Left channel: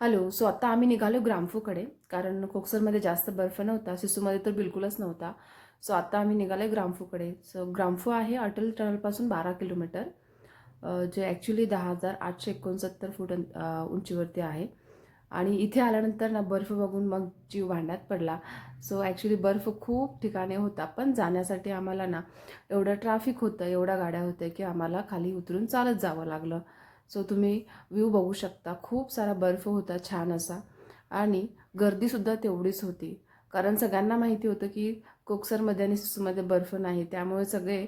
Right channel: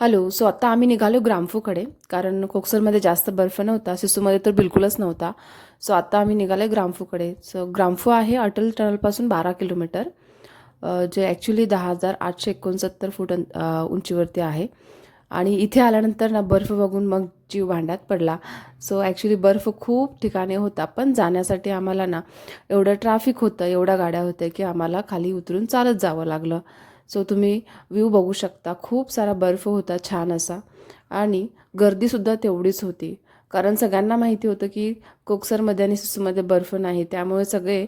Hello so आत्ता आम्ही निघालो ग्रामफूकडे कारण कोकसरमध्ये जास्त बर्फ नव्हता सिसूमध्ये तर बिलकुलच नव्हता. सो आत्ता आम्ही निघालो ग्रामफूकडे. सो ग्रामफू आहे अटल टनलपासून बारा किलोमीटर जे ॲक्च्युली दहा हजार आठशे एकोणसत्तर फूट उंचीवरती आहे. आणि इथे आल्यानंतर ना बर्फ बघून मग जीव भांड्यात पडला. सो ॲक्च्युली बर्फ खूप ठिकाणी होता पण जाण्यासाठी आम्हाला ना एवढं ट्रॅफिक होतं एवढ्या गाड्या होत्या की आम्हाला खाली उतरून चालत जावं लागलं. सो तुम्ही व्ह्यू बघू शकता. खूप सारा बर्फ होता छान असा. आणि गर्दीसुद्धा तेवढीच होती. कारण सगळ्यांना माहिती होतं की कोकसरमध्ये आणि सुसूमध्ये बर्फ नाही. त्यामुळे सगळे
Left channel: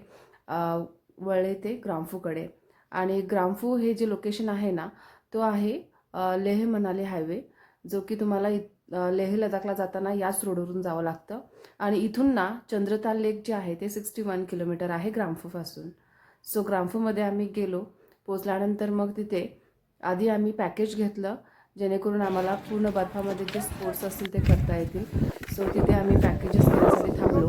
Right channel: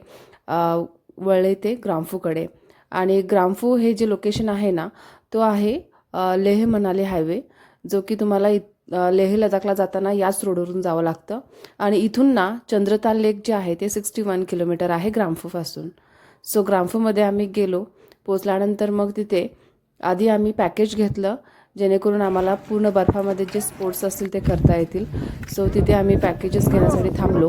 वळले ते ग्रामफूकडे. आणि ग्रामफू हे जे लोकेशन आहे ना तो आहे लेह मनाली हायवे. जो की तुम्हाला इत लेह लडाखला जाताना याच रोडवरून जावं लागतं. आणि इथून ना चंद्रताल लेक जे आहे ते सिक्स्टी वन किलोमीटर आहे ग्रामफूपासून. सो ग्रामफूमध्ये आम्ही गेलो. पोचल्यानंतर मग तिथे आधी आम्ही पॅकेज घेतलं जेणेकरून आम्हाला पूर्ण बर्फामध्ये जे स्पोर्ट्स असतील ते करता येतील. सो तिथे आम्ही पॅकेजेस घेण्यासाठी थांबलो.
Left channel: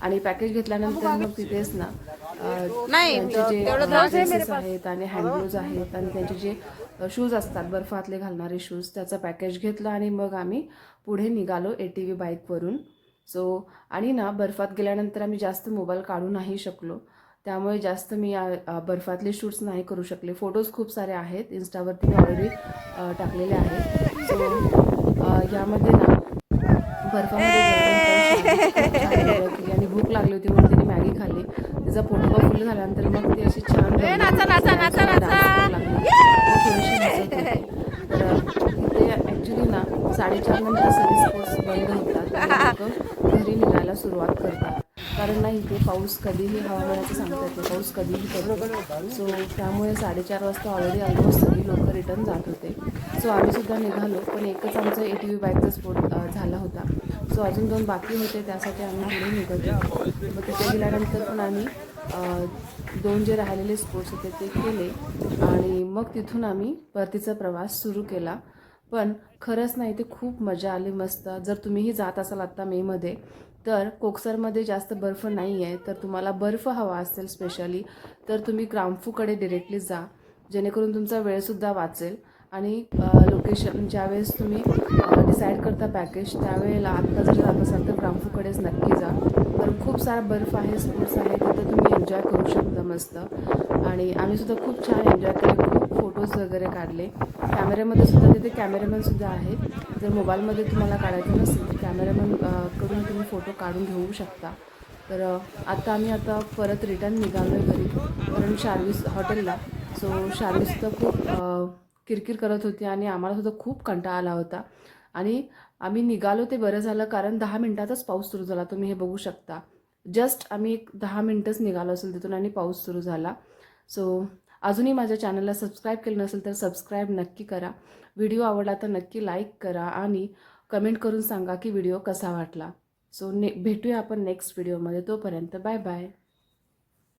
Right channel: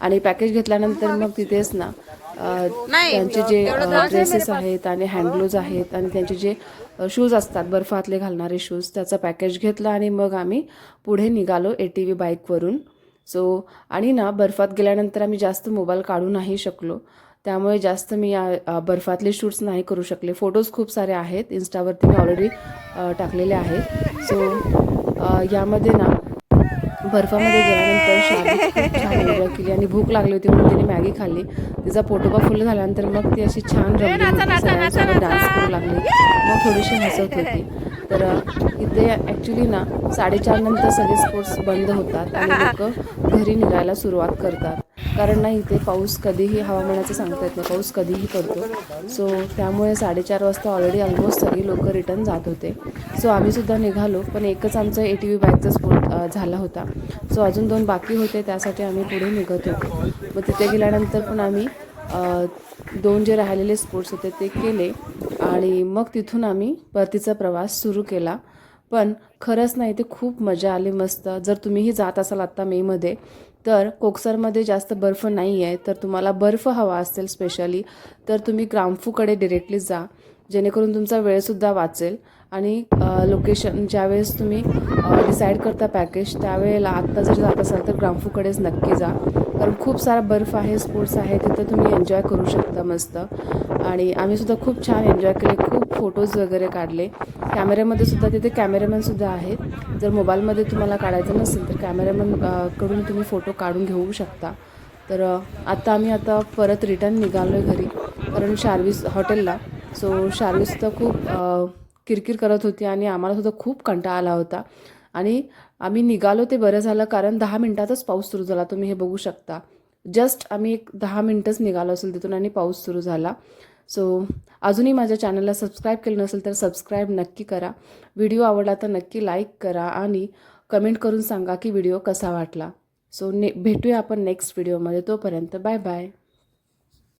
आणि पॅकेज घेतल्यानंतर मग तिथेच ना त्यांचे जे ड्रेसेस आहेत आणि हँडग्लोज आहेत आणि त्यांचे जे शूज असतात बर्फातले घालणारे शूज त्याचं पॅकेज घेतलं आणि मग आम्ही पुढे निघालो ए टी व्ही बाईकवरून सो आणि ना बर्फात गेल्यानंतर आम्ही जास्त मोबाईल काढू नाही शकलो. त्यामुळे जास्त मी या बर्फातले शूट्स नाही करू शकले. फोटोज खूप सारे आहेत. इन्स्टावरती मी ऑलरेडी टाकलेले आहेत. सो यामध्ये ना बर्फामध्ये गेल्यानंतर केली आणि भूक लागली होती म्हणून तिने मॅगी खाल्ली. तिचा पोटोबा फुल झाल्यानंतर मग ती अशी छान डान्स करू लागली. मग थोडीशी हसत होती. तर इथे ॲक्च्युली ना साडेचार नंतर सगळे स्पोर्ट्स बंद होतात आणि लोक घरी निघायला सुरुवात करतात. कारण ना इथे पाऊस कधीही हवामानाचं सांगता येत नाही. पाऊस कधीही पडतो. सो त्यामुळे साडेचार वाजता ऑलरेडी ऑलमोस्ट सगळी लोक रिटर्न जात होते. सो आम्हीसुद्धा निघालो. पण एकच आमचं ए टी व्ही बॅगचा स्पोर्ट झाला होता. सो अजून दोन बाकी होते. त्यासाठी आम्ही पुढे निघत होतो. मग तिथे गेल्यानंतर पण आम्ही दोन जे राहिलेले स्पोर्ट्स होते ते केले आणि मग तिथून आम्ही परतीचा प्रवास सुरू केला. पण खरंच नाही ते खूप मजा आली मस्त. जर तुम्हीही जात असाल आत्ता मेमध्ये तर कोकसरमध्ये जास्त बर्फ नाही आहे तर तुम्हाला बर्फ हवा असेल स्पेशली तर तुम्ही ग्रामफूकडे डिरेक्टली जा जेणेकरून तुमचा वेळसुद्धा वाचेल. आणि लोकेशन ज्यावेळेस तुम्ही डिसाईड करता पॅकेज त्यावेळेला आत्ता जर जात असाल तर ग्रामफूकडेच नक्की जा. कारण खूप सारा बर्फ आहे स्पोर्ट्स आहे तिथं तुम्ही एन्जॉय करू शकता मस्त. आणि आम्ही सुद्धा खूप छान एन्जॉय केले खूप फोटोज वगैरे काढले. कॅमेऱ्यामध्ये सुद्धा तिथे कॅमेरामॅनसुद्धा आहेत. जर मोबाईलमध्ये तुम्हाला काढायचं नसेल तर कॅमेरामॅनकडून तुम्ही फोटो काढून घेऊ शकता. तर आता आम्ही आता परत रिटर्न निघालो आहे घरी. कारण शार्वीस हॉटेलला. सो शार्वीसुद्धा खूप किरकिर करत होती आणि आम्हाला सुद्धा खूप कंटाळा आला होता. आणि आम्ही निघालो ते बरं झालं कारण दहा मिनटातच पाऊस सुरू झाला. तुम्ही हे बघू शकता. जस्ट आम्ही एक दहा मिनटंच निघालो असेल तिथून आणि पाऊस सुरू झाला. सो अजूनही माझ्या चॅनलला सबस्क्राईब केलं नसेल तर सबस्क्राईब नक्की करा. व्हिडिओ आवडला तर नक्की लाईक करा आणि कमेंट करून सांगा की व्हिडिओ कसा वाटला. सो ने भेटूया आपण नेक्स्ट व्हिडिओमध्ये. तोपर्यंत बाय बाय.